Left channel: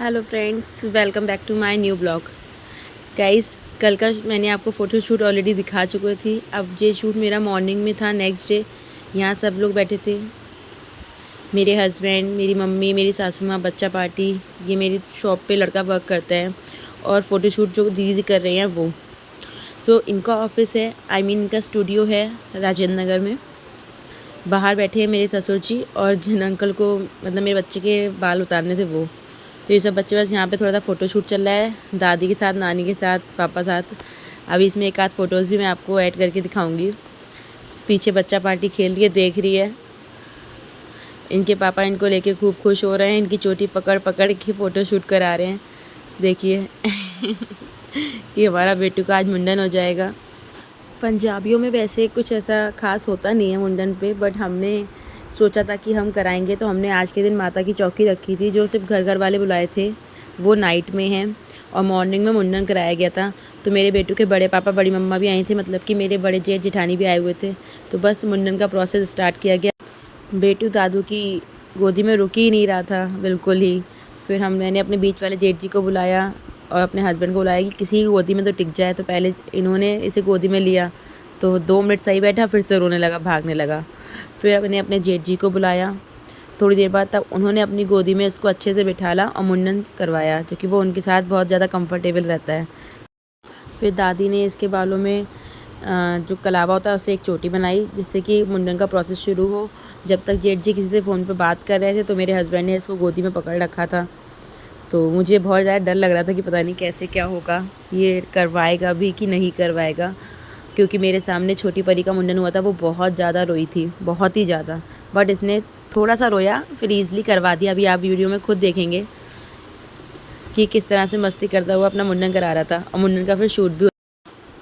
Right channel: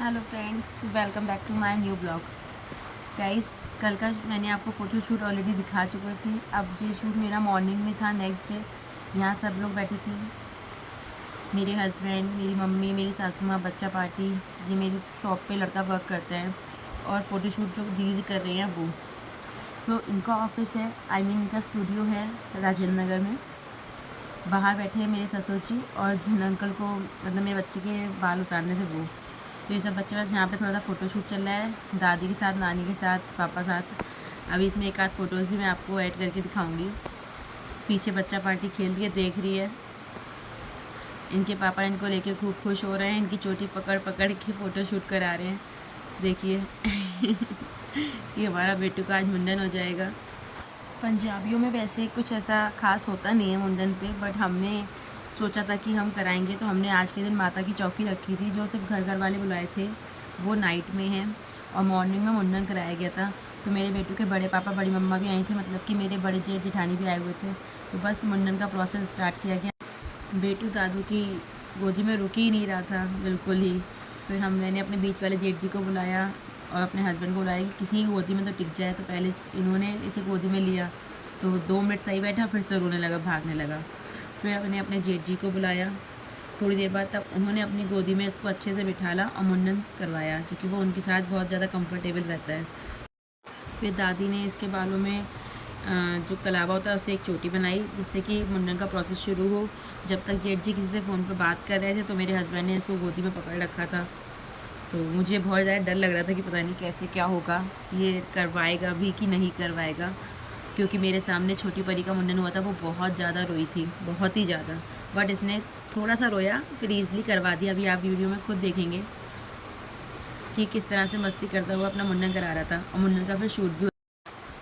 Hello friends, welcome back to my new blog. Guys, कल का मैंने आपको फ़ोटो शूट ऑलरेडी दिखा चुकी थी। अब ये शूट मेरा मॉर्निंग में था, नेक्स्ट डे। यहाँ सब लोग बैठे थे, मेरे हस्बैंड, मेरी मम्मी, मेरी सासू माँ, बच्चा पार्टी। ये मेरी शॉप पे लड़का वर्क करता है और फ़ोटो शूट जो दीदी कर रहे हैं वो। तो इनका ऑफिस है, इनका स्टूडियो है राजेंद्र नगर में। बाहर बैठे हैं मेरे ससुर जी और जिन अंकल को मतलब मेरे बच्चे के बाल उतारने थे वो। तो ये सब बच्चे बस यहाँ पे थोड़ा सा फ़ोटो शूट चल रहा है, दादी के साथ, नानी के साथ, पापा साथ। अभी इसमें एक आध फ़ोटोज़ भी मैं आपको ऐड करके दिखाऊंगी। पीछे बच्चा पार्टी खेल रही है, देख रही है। इनके पापा इनको लेके खूब खुश हो रहे हैं, इनकी चोटी पकड़ पकड़ के फ़ोटो शूट करा रहे हैं। देखिए ये हमारा बेटू का आज मुंडन हो जाएगा। पंजाबियों में वैसे कुछ ऐसा ख़ास होता नहीं है मुंडन पे, बट हमने सोचा था कि हम कराएंगे, तो हमने आज के दिन माता की चौकी रखी थी। जो सिर्फ घर घर वाले बुलाए थे वो नाइट में हैं और मॉर्निंग में मुंडन कराया गया था। तो मेरे बेटू के बड़े पापा, बड़ी मम्मा भी आई थी, मतलब कि मेरे बड़े जेठ जेठानी भी आए हुए थे। तो बस मुंडन का प्रोसेस स्टार्ट किया गया। बेटू दादू की गोदी में रुक ही नहीं रहा था बिल्कुल ही। फिर मैंने अपने बीच वाले जेठ जी को बुलाया और अपने हस्बैंड को बुलाया कि किसी की गोदी में तो टिक जाए। तो पहले इन्होंने इसे गोदी में लिया तो 2 मिनट सही बैठा, फिर से रोने लगा, भागने लगा। फिर मैंने अपने जेठ जी को बुलाया थोड़ी देर बाद, तब उन्होंने अपनी गोदी में इसको अच्छे से बिठाला और मुंडन करवाया, क्योंकि वो उनके साथ बहुत ज़्यादा कंफर्टेबल रहता है। फिर दादी ने इसके बालों में जो कलावा होता है उससे एक चोटी बनाई, जिससे कि मुंडन का प्रोसेस शुरू हो। जब तक जेठ जी किसी से फ़ोन पर बात कर रहे थे तो मेरे हस्बैंड ने इसको गोदी में पकड़ रखा था। तो मुझे बहुत ज़्यादा डर लग रहा था कि पता नहीं कैसे क्या होगा, ये करवाएगा भी कि नहीं करवाएगा। क्योंकि मेरे सामने छोटी परी का मुंडन हुआ था, वो बहुत ज़्यादा रोई थी, बहुत ही ज़्यादा। बट इसने थोड़ा सा रोया, फिर ईज़िली करवा दिया। अभी आप वीडियो में खुद देखेंगे कि किस तरह से मस्ती करता हुआ अपना मुंडन करा रहा था और मुंडन का फिर शूट भी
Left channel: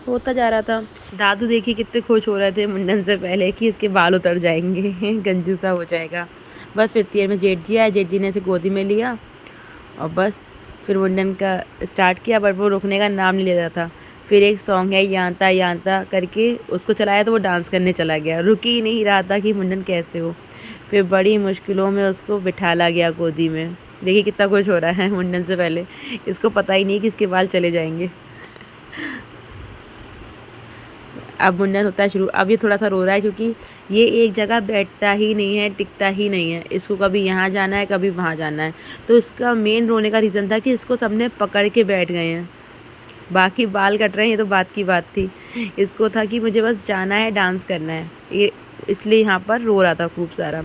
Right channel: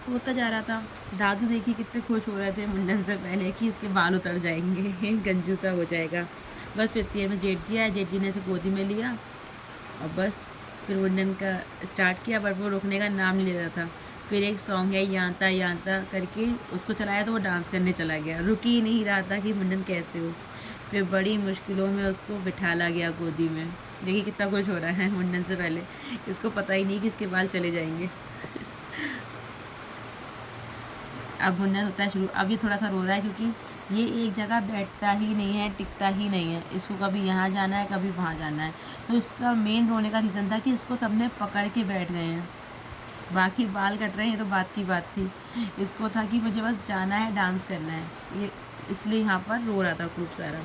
होता जा रहा था। दादू देखिए कितने खुश हो रहे थे मुंडन से पहले कि इसके बाल उतर जाएंगे गंजू सा हो जाएगा। बस फिर देर में जेठ जी आए, जेठ जी ने इसे गोदी में लिया और बस फिर मुंडन का स्टार्ट किया। बट वो रुकने का नाम नहीं ले रहा था। फिर एक सॉन्ग है यांता यांता करके, उसको चलाया तो वो डांस करने चला गया, रुक ही नहीं रहा था कि मुंडन कैसे हो। फिर बड़ी मुश्किलों में उसको बिठाला गया गोदी में। देखिए कितना खुश हो रहा है मुंडन से पहले, इसको पता ही नहीं कि इसके बाल चले जाएंगे। अब मुंडन होता है शुरू। अब ये थोड़ा सा रो रहा है क्योंकि ये एक जगह बैठता ही नहीं है, टिकता ही नहीं है। इसको कभी यहाँ जाना है, कभी वहाँ जाना है। तो इसका मेन रोने का रीज़न था कि इसको सबने पकड़ के बैठ गए हैं। बाकी बाल कट रहे हैं ये तो बात की बात थी, इसको था कि मुझे बस जाना है, डांस करना है, ये इसलिए यहाँ पर रो रहा था खूब सारा।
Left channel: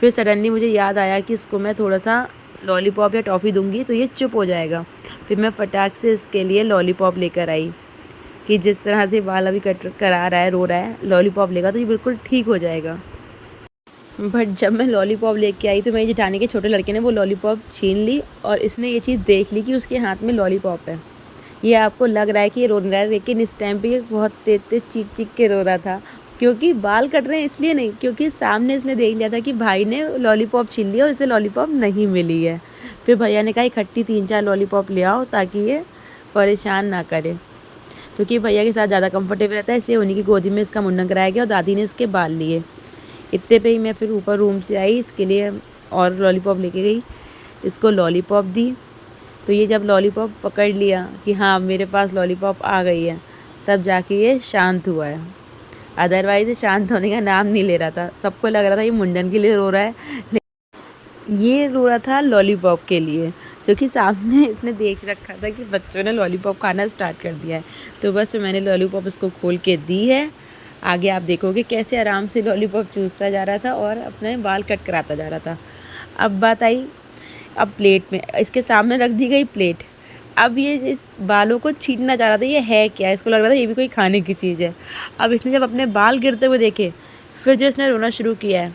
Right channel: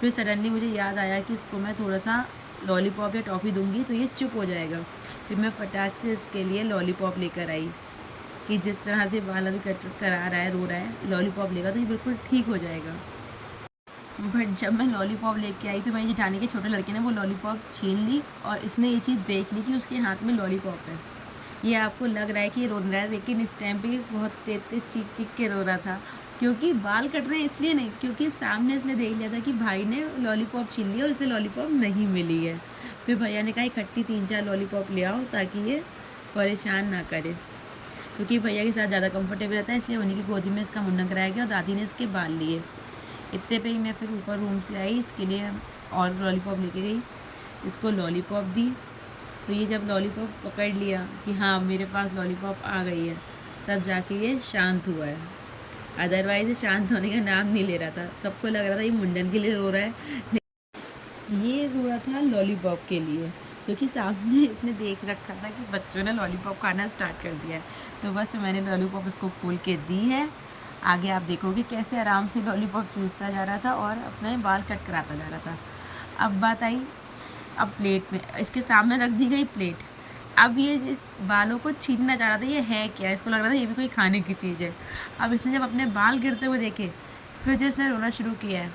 फिर सडनली मुझे याद आया कि इसको मैं थोड़ा सा लॉलीपॉप या टॉफ़ी दूंगी तो ये चुप हो जाएगा। फिर मैं फटाक से इसके लिए लॉलीपॉप लेकर आई कि जिस तरह से बाल अभी कट करा रहा है, रो रहा है, लॉलीपॉप लेगा तो ये बिल्कुल ठीक हो जाएगा। बट जब मैं लॉलीपॉप लेके आई तो मेरी जेठानी के छोटे लड़के ने वो लॉलीपॉप छीन ली और इसने ये चीज़ देख ली कि उसके हाथ में लॉलीपॉप है। ये आपको लग रहा है कि ये रो रहा है, लेकिन इस टाइम पे ये बहुत तेज तेज चीख चीख के रो रहा था। क्योंकि बाल कट रहे हैं इसलिए नहीं, क्योंकि सामने इसने देख लिया था कि भाई ने लॉलीपॉप छीन लिया और इसे लॉलीपॉप नहीं मिली है। फिर भैया ने कहा इकट्ठी 3-4 लॉलीपॉप ले आओ ताकि ये परेशान ना करे। क्योंकि भैया के साथ ज़्यादा कंफर्टेबल रहता है, इसलिए उन्हीं की गोदी में इसका मुंडन कराया गया और दादी ने इसके बाल लिए। इतने पे ही मैं फिर ऊपर रूम से आई, इसके लिए और लॉलीपॉप लेके गई, इसको लॉलीपॉप दी। तो ये जब लॉलीपॉप पकड़ लिया कि हाँ मेरे पास लॉलीपॉप आ गई है, तब जाके ये शांत हुआ है। अदरवाइज़ ये शांत होने का नाम नहीं ले रहा था। सबको लग रहा था ये मुंडन के लिए रो रहा है, ये रो रहा था लॉलीपॉप के लिए, क्योंकि सामने इसने देख रखा था कि बच्चों ने लॉलीपॉप खाना स्टार्ट कर दिया है। तो बस मैंने लॉलीपॉप इसको खोल के दी है। आगे आप देखोगे कैसे आराम से लॉलीपॉप चूसता जा रहा था और अपने बाल कट कराता जा रहा था। अब बात आई, अब प्लेट में इसके सामने रख दी गई प्लेट। अब ये इस बालों को छीनना चाह रहा था, ये है क्या, इसको लग रहा था ये भी कोई खाने की चीज़ है। अब इसने जब अपने बाल गिरते हुए देखे, फिर जो इसने रोना शुरू किया है।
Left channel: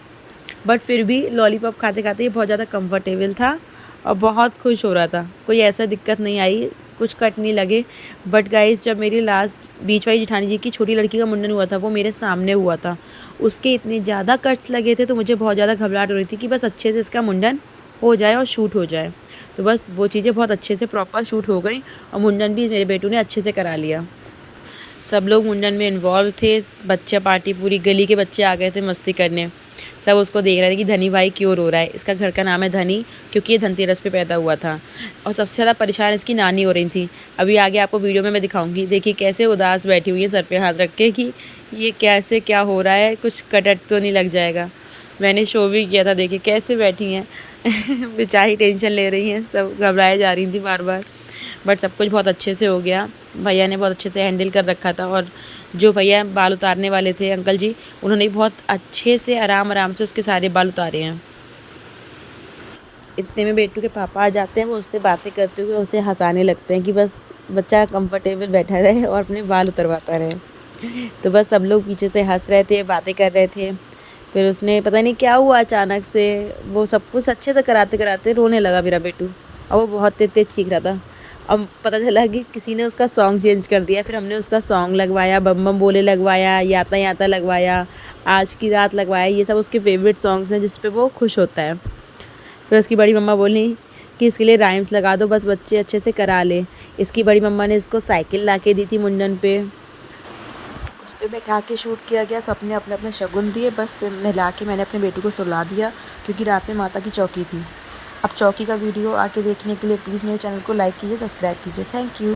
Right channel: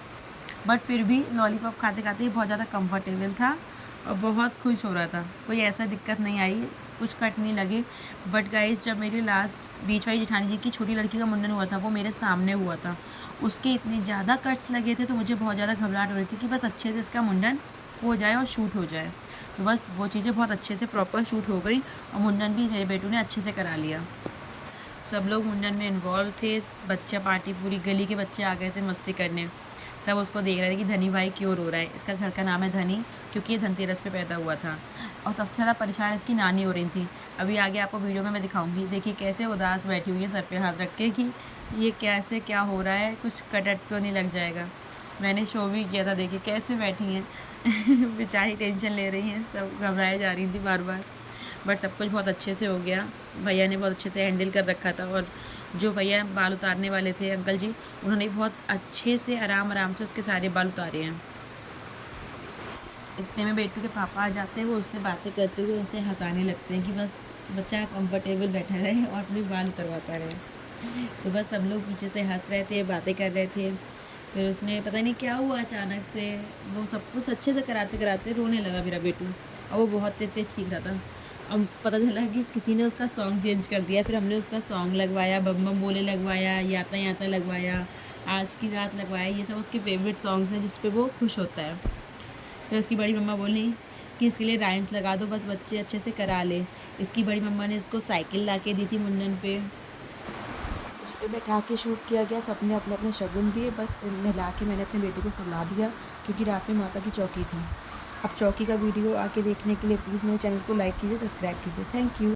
बट फिर भी लॉलीपॉप खाते खाते ये बहुत ज़्यादा कंफर्टेबल था और बहुत खुश हो रहा था। कोई ऐसा दिक्कत नहीं आई, कुछ कट नहीं लगे। बट गाइस, जब मेरी लास्ट बीच वाली जेठानी जी की छोटी लड़की का मुंडन हुआ था, वो मेरे सामने हुआ था, उसके इतने ज़्यादा कट्स लगे थे तो मुझे बहुत ज़्यादा घबराहट हो रही थी कि बस अच्छे से इसका मुंडन हो जाए और शूट हो जाए। तो बस वो चीज़ें बहुत अच्छे से प्रॉपर शूट हो गई और मुंडन भी मेरे बेटू ने अच्छे से करा लिया। सब लोग मुंडन में इन्वॉल्व थे। बच्चा पार्टी, पूरी गली के बच्चे आ गए थे मस्ती करने। सब उसको देख रहे थे कि धनी भाई क्यों रो रहा है। इसका घर का नाम है धनी, क्योंकि ये धनतेरस पे पैदा हुआ था। और सबसे ज़्यादा परेशान इसकी नानी हो रही थी। अभी आगे आपको वीडियो में मैं दिखाऊंगी। देखिए कैसे उदास बैठी हुई है सर पे हाथ रख के कि ये कैसे क्या हो रहा है, कुछ कटट तो नहीं लग जाएगा। मैंने शो भी किया था, देखिए कैसे बैठी हैं बेचारी टेंशन ले रही हैं, सब घबराए जा रही थी बार बार। बट सब कुछ बहुत अच्छे से हो गया, भैया ने बहुत अच्छे से हैंडल कर रखा था। और जो भैया बाल उतारने वाले थे अंकल जी, उन्होंने भी बहुत अच्छे से आराम आराम से उसके सारे बाल उतारे हैं। इतने में बेटू के पापा आ जाते हैं, वो उससे बातें करते हुए उसे हंसाने लगते हैं कि बस बच्चा कंफर्टेबल बैठा रहे और अपने बाल उतरवाता रहे। तो बस सब लोग पीछे से हंस रहे थे, बातें कर रहे थे। फिर उसने पता नहीं क्या हुआ, अचानक से वो सब कुछ अच्छे से कराते कराते रोने लगा मेरा बेटू। और वो बहुत तेज तेज चीख रहा था। अब पता चला कि किसी ने उसका सॉन्ग चेंज कर दिया। फिर हमने उसका सॉन्ग लगवाया, बम बम बोले लगवाया, याता याता लगवाया, आज की रात लगवाया। ये सब उसके फेवरेट सॉन्ग्स हैं जिस पे वो खुश होता है। फिर उसकी बड़ी मम्मा बोली कि इसके लिए राइम्स लगा दो, बस बच्चे अच्छे से करा ले। इसकी बड़ी मम्मा ने इसको साइकिल ला के दी थी मुंडन पे, उस पर बैठा के शूट किया गया। सबने अपने अपने शगुन दिए, बस फिर नहला के मैंने अपने बेटू को सुला दिया, क्योंकि रात में माता की चौकी थी। अब चौकी का वीडियो आके देखने के लिए प्लीज़ मेरे चैनल को लाइक कीजिए, सब्सक्राइब कीजिए। Thank you.